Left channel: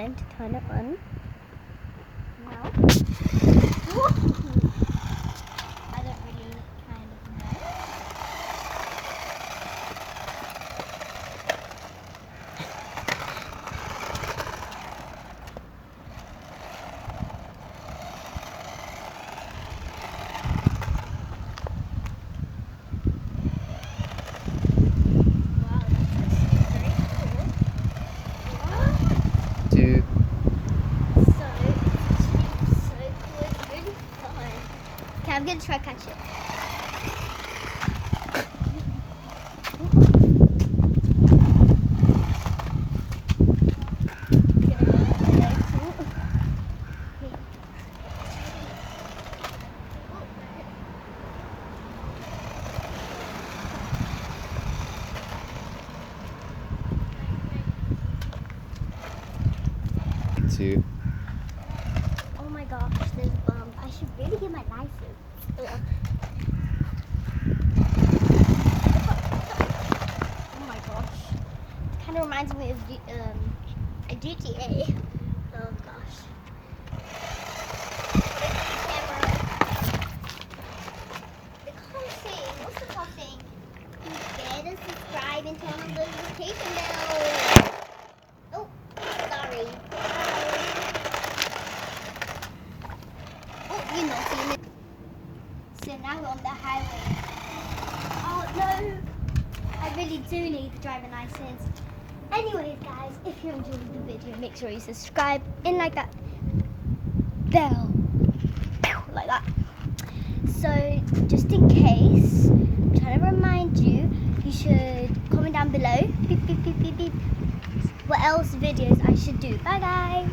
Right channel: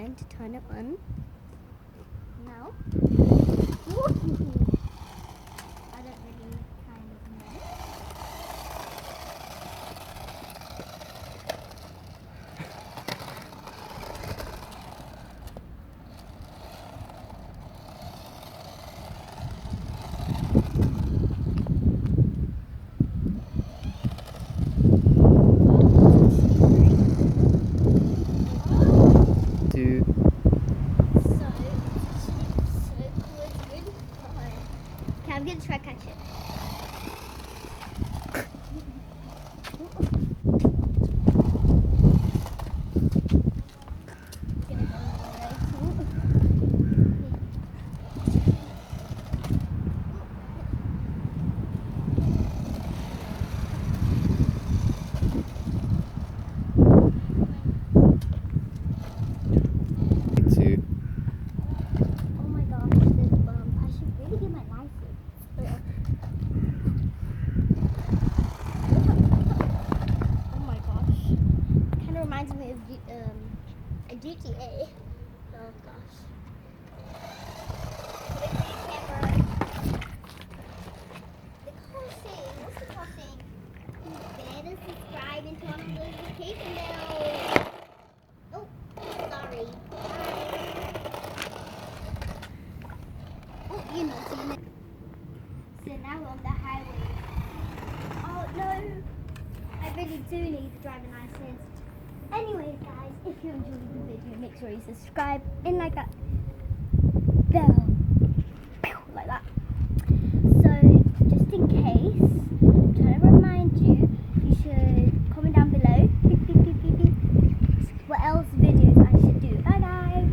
wanted to turn it on. Now. I don't really kind of know. I'm gonna try catch it. Two. Oh my gosh, this bump. I should really get my license. Ugh. Oh my gosh. Kind of reminds me of a GTA. Oh gosh. The car saying, what's the car saying? You better subscribe and turn on the notification bell. Oh, sorry. Oh, you know, so now we're on the highway. Oh no, I really do need a driving license. Anyways guys, if you enjoyed the video, make sure you subscribe and like that bell, like that. So just in case, I'm trying to remind you, you should comment down below, beep, beep, beep, beep, beep, what else videos I should do. Bye guys.